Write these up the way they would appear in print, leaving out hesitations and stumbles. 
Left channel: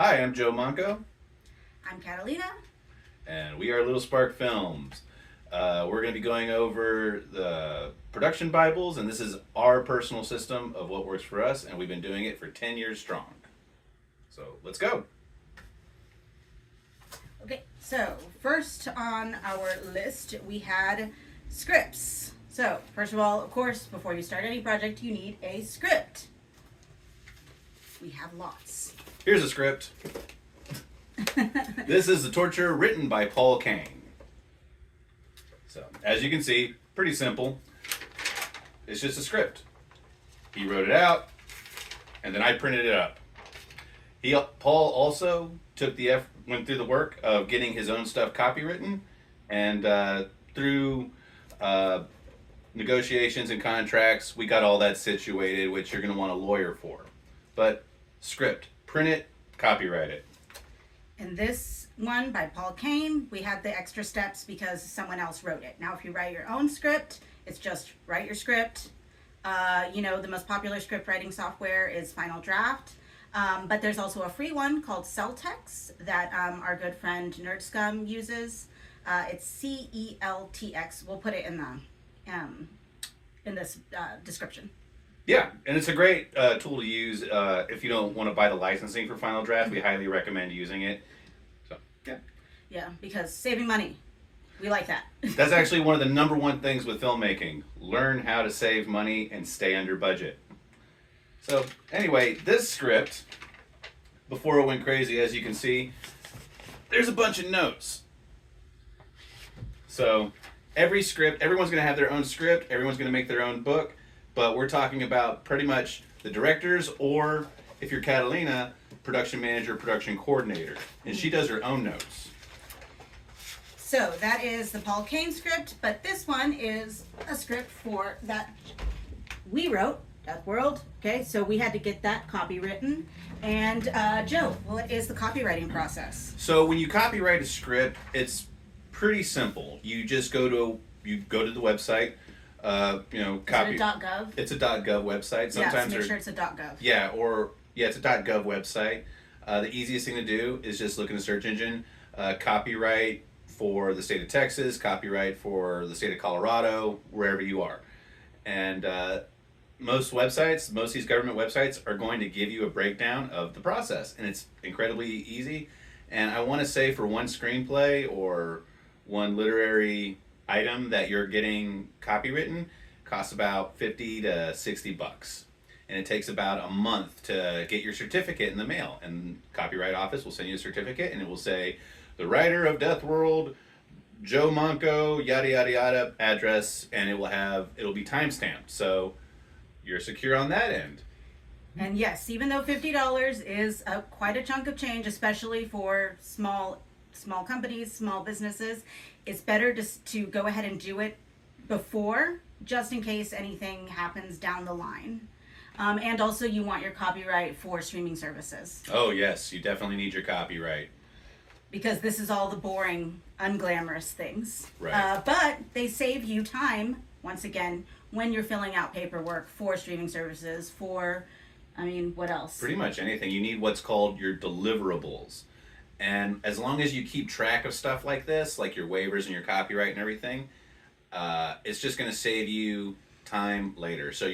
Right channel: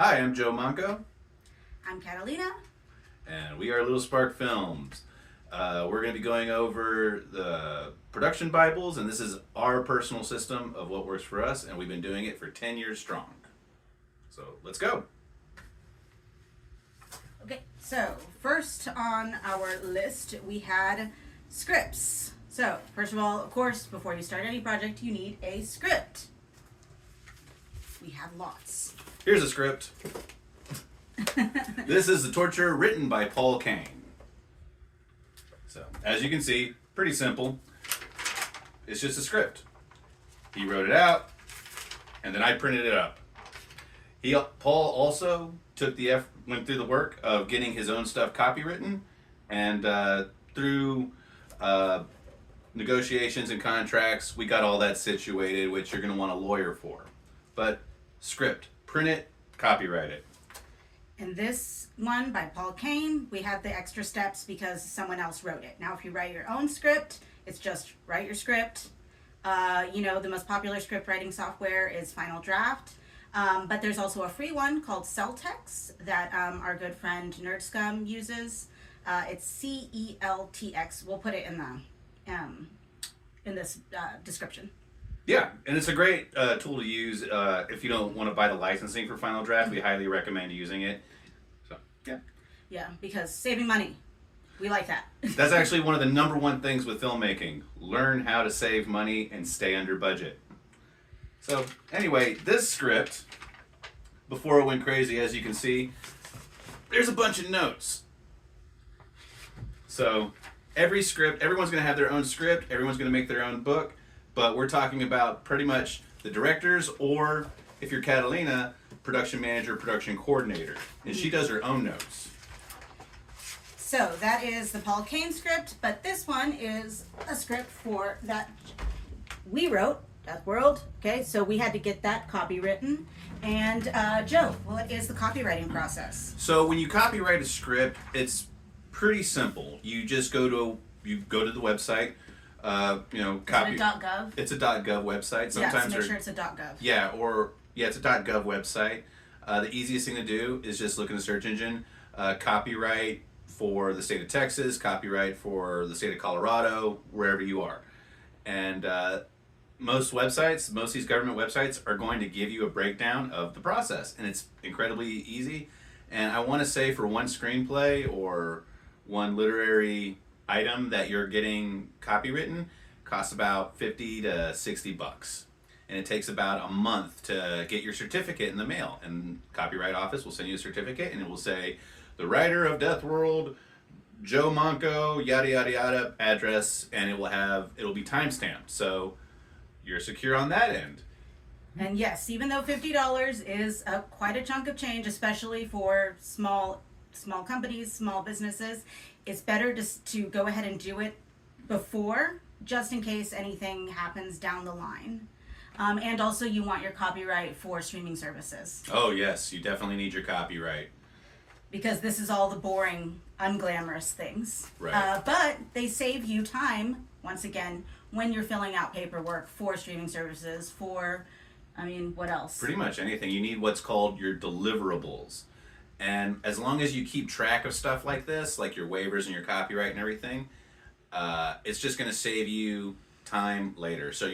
Hi, I'm Joe Manco, I'm Catalina. and we are Little Spark Films. We're going to be going over the production Bibles, and this is our personal system of what works for us, and we've been doing it for 10 years strong. So let's go. Okay, so first on our list we had scripts. So, first of all, of course, before you start any project, you need a script. We have lots. Here's a script. This is The Torture, written by Paul Kane. So, as you can see, pretty simple. It's just a script. He wrote it out, and then I printed it up. Paul also went through the work of getting his own stuff copywritten, and through negotiations and contracts, we got all that situated, which you're going to want a lawyer for. But script, print it, copyright it. In this one by Paul Kane, we have the extra steps because someone else wrote it. Now, if you write your own script, it's just write your script. The most popular script writing software is Final Draft. But there's also a free one called Celtx that our good friend NerdScum uses. It's CELTX. We'll put it in this description. Yeah, and it's a great tool to use if you don't want to buy the licensing for Final Draft. We highly recommend using it. So, yeah. Yeah, because saving money, we like that. That's actually one of the number one things with filmmaking. Learn how to save money and stay under budget. So, anyway, this script, before it went crazy, as you can see, there's a bunch of notes. So, everyone's going to have their own script, everyone's going to make their own book, but we're talking about pretty much the directors, or if you're Catalina, production manager, production coordinator, and she does her own notes. So that is the Paul Kane script, but this one is a script for that we wrote, Death World. Okay, so we had to get that copywritten. And Joe, what is the copywriting process? So when you copyright a script, it's pretty simple. You just go to the website. Copy. Is it a .gov? It's a .gov website. Sometimes make sure it's a .gov. It's a .gov website. The easiest thing to do is just look in the search engine, copyright for the state of Texas, copyright for the state of Colorado, wherever you are. And most of these government websites are going to give you a breakdown of the process, and it's incredibly easy. And I want to say for one screenplay or one literary item that you're getting copywritten costs about 50 to $60, and it takes about a month to get your certificate in the mail, and copyright office will send you a certificate, and it will say the writer of Death World, Joe Manco, yada yada yada, address, and it'll be timestamped, so you're secure on that end. And yes, even though $50 is quite a chunk of change, especially for small companies, small businesses, it's better to go ahead and do it before, just in case anything happens down the line. And also, you want your copyright for streaming services. Oh yes, you definitely need your copyright. Because this is all the boring, unglamorous things. Right. But they save you time, once again, when you're filling out paperwork for streaming services, what else? Pretty much anything. You need what's called your deliverables. And as long as you keep track of stuff like this, like your waivers and your copyright and everything, it's just going to save you time later. So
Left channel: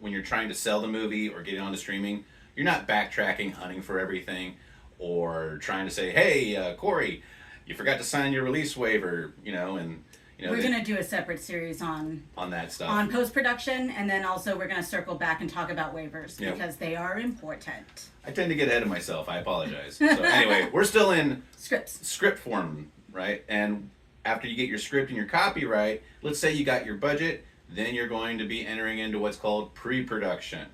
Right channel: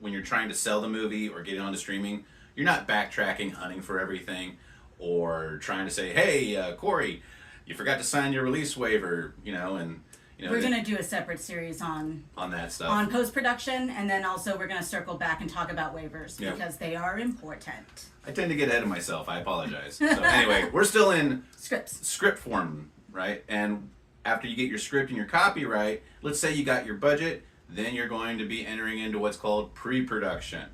when you're trying to sell the movie or get it onto streaming, you're not backtracking, hunting for everything, or trying to say, hey, Corey, you forgot to sign your release waiver, We're going to do a separate series on that stuff. On post-production, and then also we're going to circle back and talk about waivers because they are important. I tend to get ahead of myself. I apologize. So anyway, we're still in script form, right? And after you get your script and your copyright, let's say you got your budget, then you're going to be entering into what's called pre-production.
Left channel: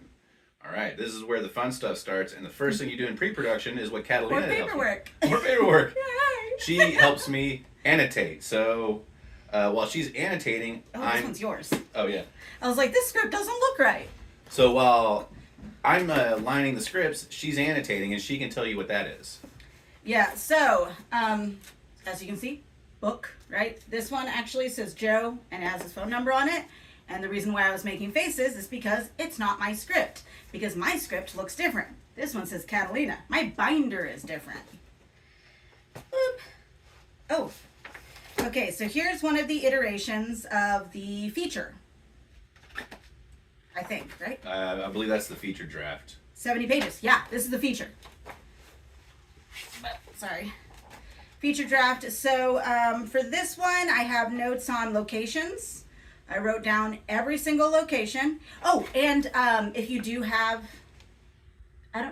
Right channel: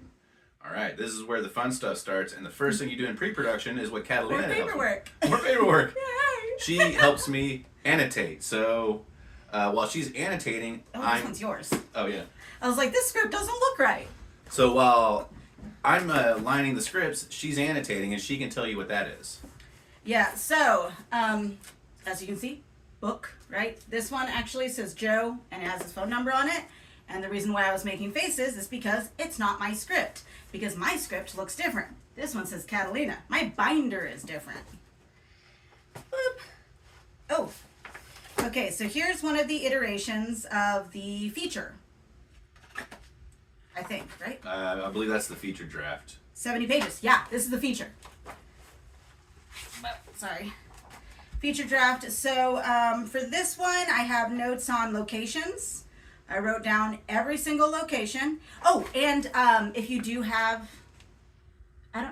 All right, this is where the fun stuff starts, and the first thing you do in pre-production is what Catalina More paperwork. More paperwork. She helps me annotate. So while she's annotating, this one's yours. Oh yeah. I was like, this script doesn't look right. So while I'm lining the scripts, she's annotating, and she can tell you what that is. Yeah. So as you can see, book, right? This one actually says Joe, and it has his phone number on it. And the reason why I was making faces is because it's not my script. Because my script looks different. This one says Catalina. My binder is different. Boop. Oh. Okay, so here's one of the iterations of the feature. I think, right? I believe that's the feature draft. 70 pages. Yeah, this is the feature. Sorry. Feature draft. So for this one, I have notes on locations. I wrote down every single location. Oh, and if you do have,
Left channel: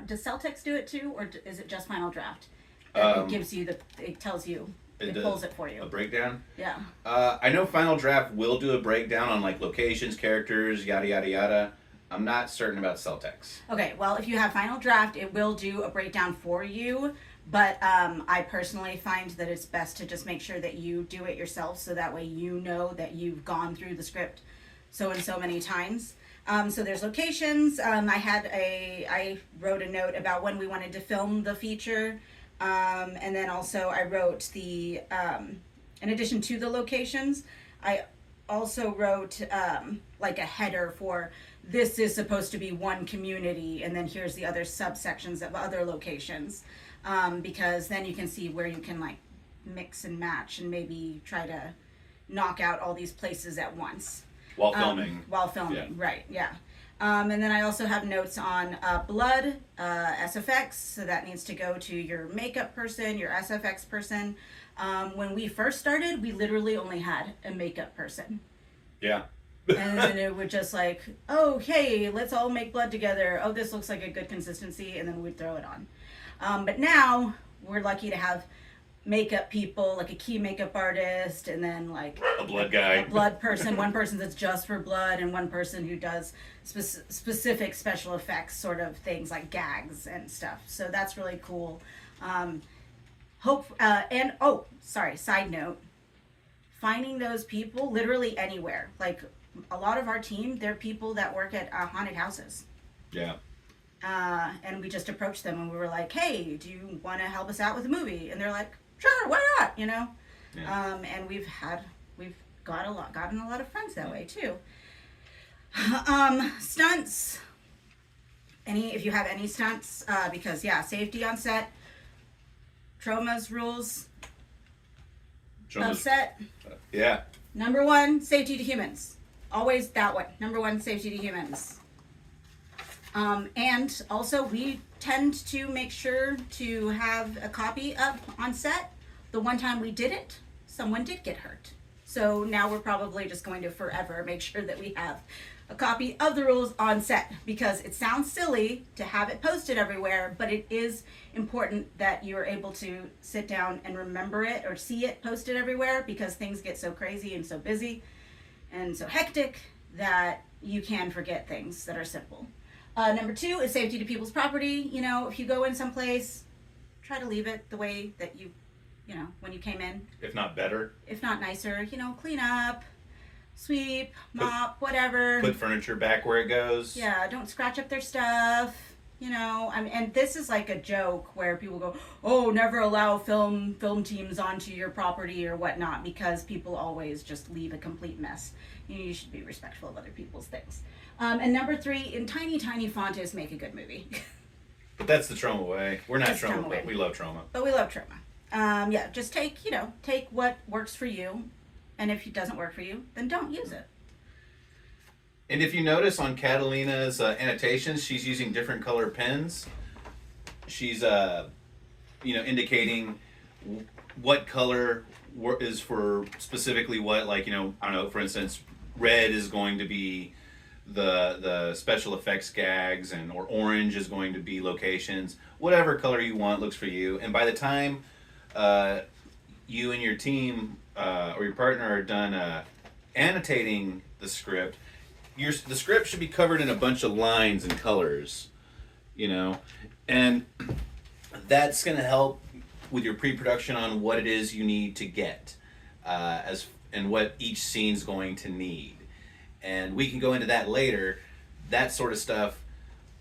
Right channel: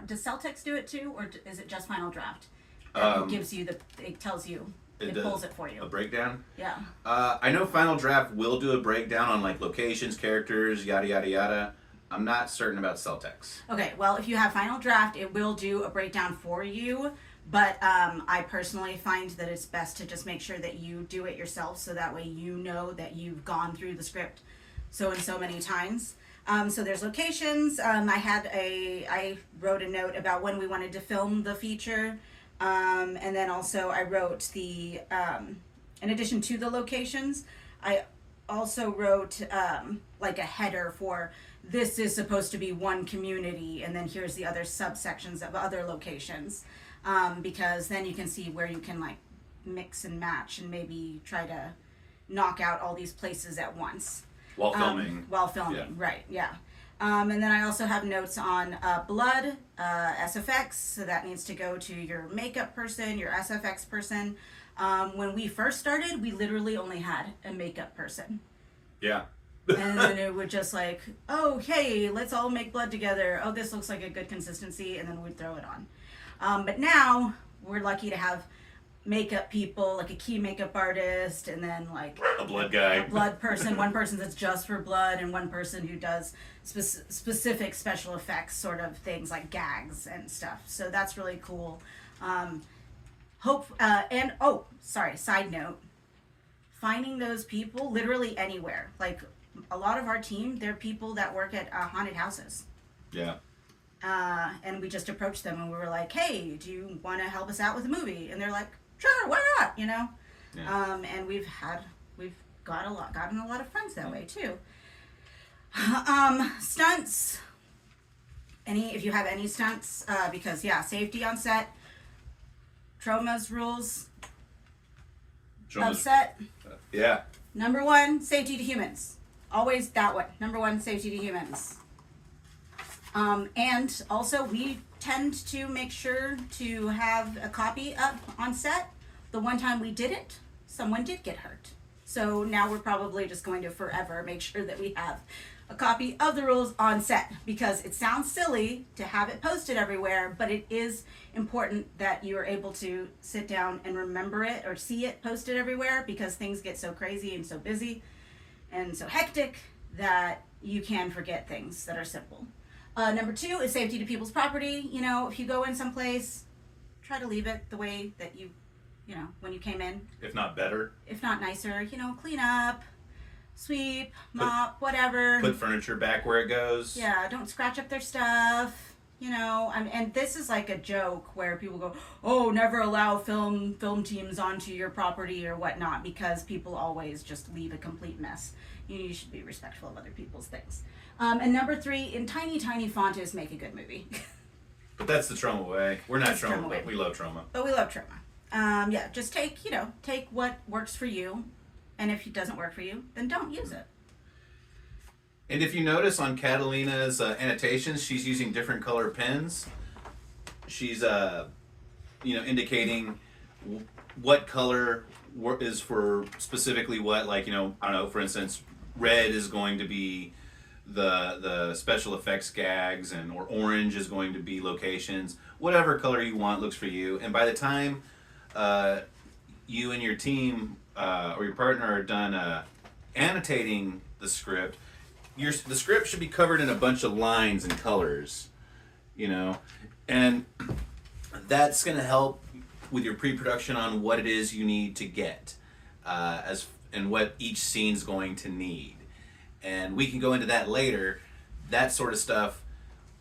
does Celtx do it too, or is it just Final Draft? It gives you it tells you, it pulls it for you. A breakdown? Yeah. I know Final Draft will do a breakdown on like locations, characters, yada yada yada. I'm not certain about Celtx. Okay, well, if you have Final Draft, it will do a breakdown for you. But I personally find that it's best to just make sure that you do it yourself, so that way you know that you've gone through the script so and so many times. So there's locations. I wrote a note about when we wanted to film the feature, and then also I wrote in addition to the locations, I also wrote like a header for this is supposed to be one community, and then here's the other subsections of other locations. Because then you can see where you can like mix and match and maybe try to knock out all these places at once. While filming. Yeah. Right, yeah. And then I also have notes on blood, SFX, so that needs to go to your makeup person, your SFX person. When we first started, we literally only had a makeup person. Yeah. And then it would just like, oh, hey, let's all make blood together. Oh, this looks like a good consistency, and then we'd throw it on. But now we're lucky to have makeup people, like a key makeup artist, and then like a blood guy, a blood person, one person that's just for blood, and one person who does specific special effects sort of things like gags and stuff. So that's really cool. Side note, finding those people literally anywhere. Like a lot of our team, they're people that work at haunted houses. Yeah. And we just approached them and we were like, hey, do you want to help us out with a movie? And they're like, sure, why not? You know? Yeah. And we've gotten a lot of friends that way too. Stunts. If you have any stunts, because safety on set, Troma's rules of set. Yeah. Number one, safety to humans. Always that one. Number one, safety to humans. And also we tend to make sure to have a copy up on set. The one time we did it, someone did get hurt. So now we're probably just going to forever make sure that we have a copy of the rules on set, because it sounds silly to have it posted everywhere, but it is important that you are able to sit down and remember it or see it posted everywhere, because things get so crazy and so busy and so hectic that you can forget things that are simple. Number two is safety to people's property. You know, if you go in someplace, try to leave it the way that you when you came in. If not better. If not nicer, clean up, sweep, mop, whatever. Put furniture back where it goes. Yeah, don't scratch up their stuff. And this is like a joke where people go, oh, never allow film teams onto your property or whatnot, because people always just leave a complete mess. You should be respectful of other people's things. And number three, in tiny, tiny font, is make a good movie. But that's the Troma way. We're not Troma, but we love Troma. But we love Troma. Just take what works for you. And if it doesn't work for you, then don't use it. And if you notice on Catalina's annotations, she's using different color pens. She's, indicating what color is for specifically what. Like, I don't know, for instance, red is going to be the special effects gags, or orange is going to be locations. Whatever color you want looks for you. And by the time you and your team or your partner are done annotating the script, the script should be covered in a bunch of lines and colors, and that's going to help with your pre-production on what it is you need to get and what each scene's going to need. And we can go into that later. That sort of stuff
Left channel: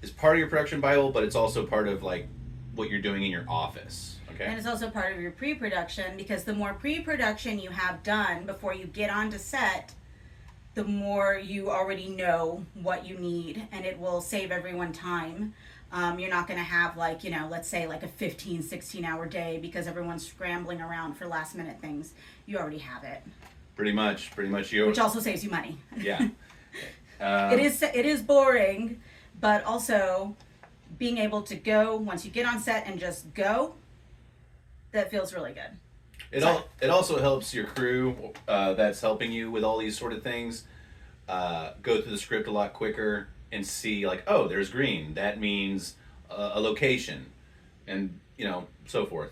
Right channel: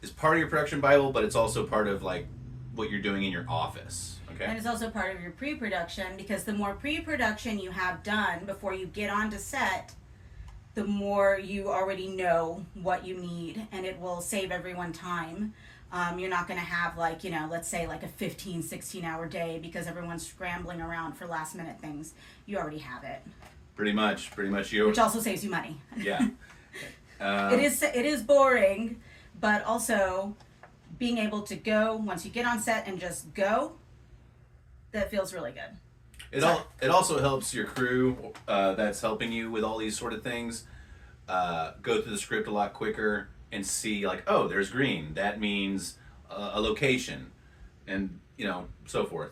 is part of your production Bible, but it's also part of like what you're doing in your office. Okay. And it's also part of your pre-production, because the more pre-production you have done before you get onto set, the more you already know what you need, and it will save everyone time. You're not going to have, like, let's say like a 15, 16-hour day because everyone's scrambling around for last minute things. You already have it. Pretty much you. Which also saves you money. Yeah. It is boring, but also being able to go once you get on set and just go, that feels really good. It also helps your crew that's helping you with all these sort of things go through the script a lot quicker and see, like, oh, there's green. That means a location, and so forth,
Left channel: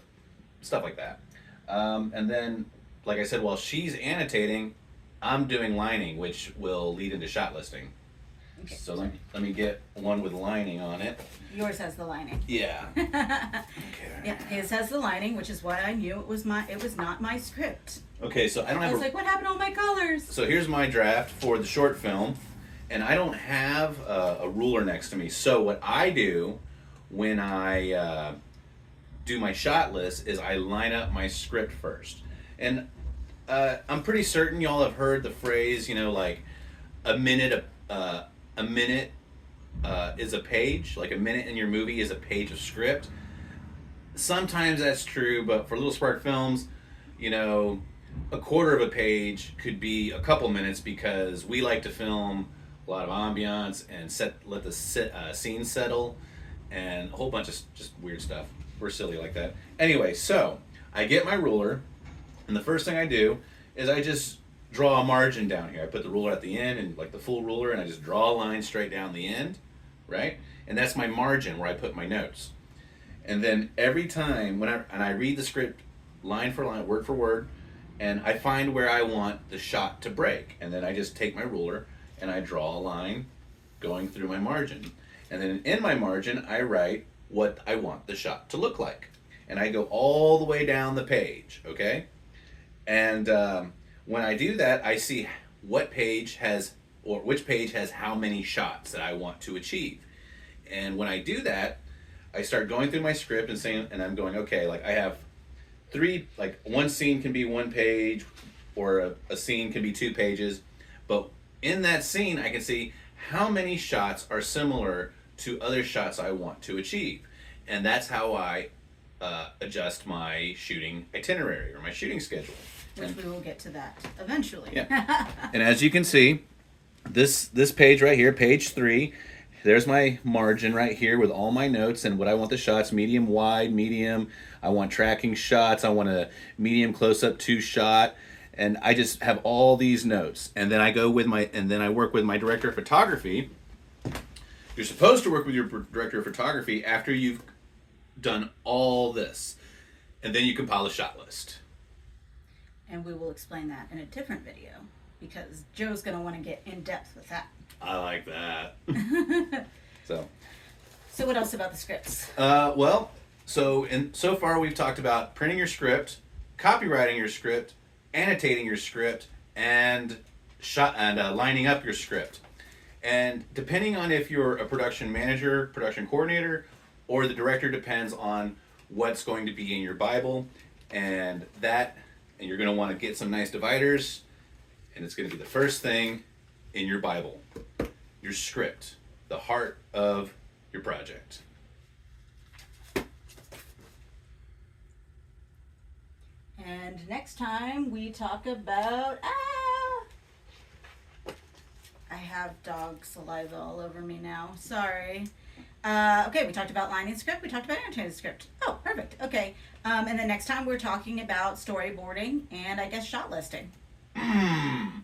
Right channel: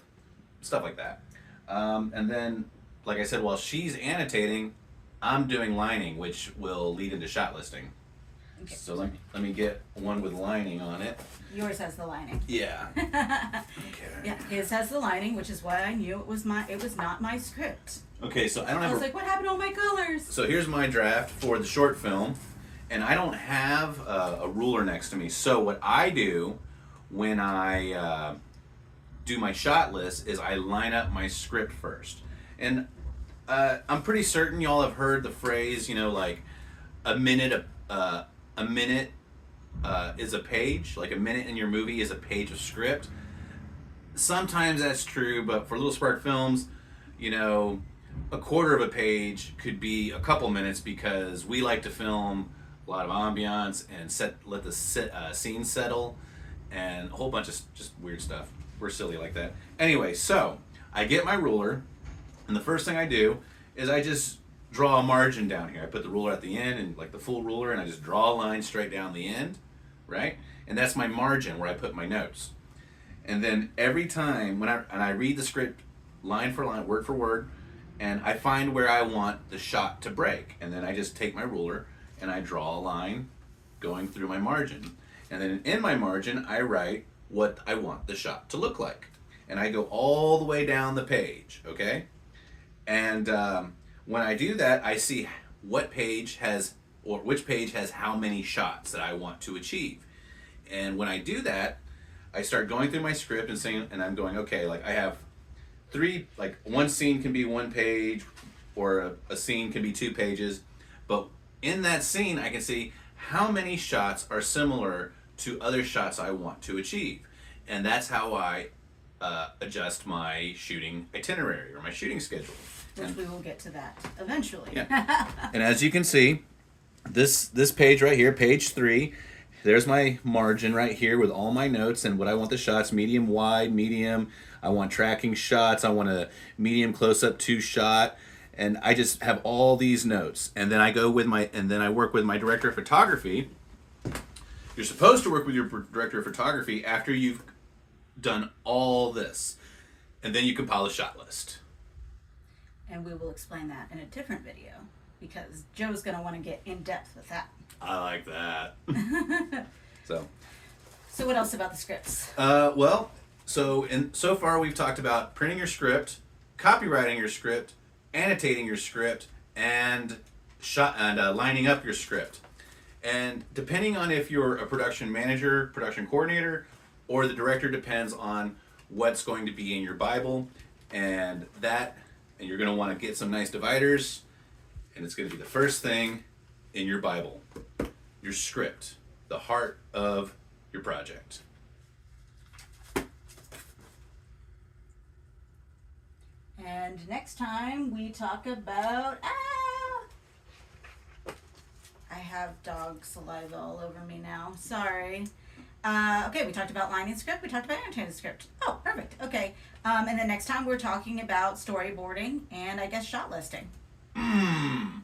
stuff like that. And then, like I said, while she's annotating, I'm doing lining, which will lead into shot listing. Okay. So let me get one with lining on it. Yours has the lining. Yeah. Okay. Yeah, his has the lining, which is why I knew it was not my script. Okay, so I don't have. I was like, what happened to all my colors? So here's my draft for the short film, and I don't have a ruler next to me. So what I do when I do my shot list is I line up my script first, and I'm pretty certain y'all have heard the phrase, like a minute is a page. Like a minute in your movie is a page of script. Sometimes that's true, but for Little Spark Films, a quarter of a page could be a couple minutes because we like to film a lot of ambiance and let the scene settle and a whole bunch of just weird stuff. We're silly like that. Anyway, so I get my ruler, and the first thing I do is I just draw a margin down here. I put the ruler at the end, and like the full ruler, and I just draw a line straight down the end, right? And that's my margin where I put my notes. And then every time when I read the script line for line, word for word, and I find where I want the shot to break, and then I just take my ruler and I draw a line going through my margin. And then in my margin, I write what I want the shot to look like. And I go all the way down the page, okay? And when I do that, I see which page has how many shots that I want to achieve. And when I do that, I start going through my script and I'm going, okay, like I have one scene can be 1 page, or a scene can be 2 pages, but in that scene I can see how many shots are similar to other shots I want to achieve. And that's how I adjust my shooting itinerary or my shooting schedule. Which we will get to that eventually. Yeah. And as you can see, this page right here, page 3, there's my margin right here with all my notes and what I want the shots: medium, wide, medium. I want tracking shots. I want a medium close-up 2 shot. And I just have all these notes. And then I work with my director of photography. You're supposed to work with your director of photography after you've done all this. And then you compile a shot list. And we will explain that in a different video because Joe's going to want to get in depth with that. I like that. So what else about the scripts? So far we've talked about printing your script, copywriting your script, annotating your script, and lining up your script. And depending on if you're a production manager, production coordinator, or the director, depends on what's going to be in your Bible, and you're going to want to get some nice dividers, and it's going to be the first thing in your Bible, your script, the heart of your project. And next time we talk about I have dog saliva all over me now. Sorry. Okay, we talked about lining script. We talked about annotating script. Oh, perfect. Okay. And then next time we're talking about storyboarding and I guess shot listing.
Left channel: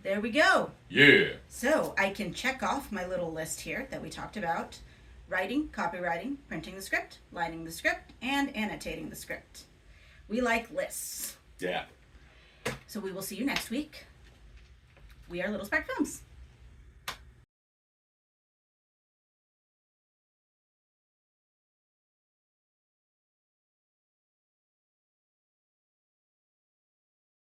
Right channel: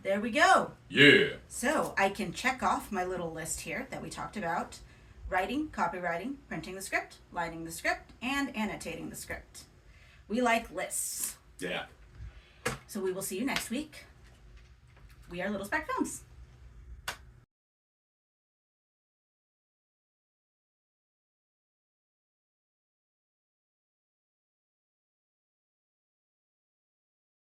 There we go. Yeah. So I can check off my little list here that we talked about: writing, copywriting, printing the script, lining the script, and annotating the script. We like lists. Yeah. So we will see you next week. We are Little Spark Films.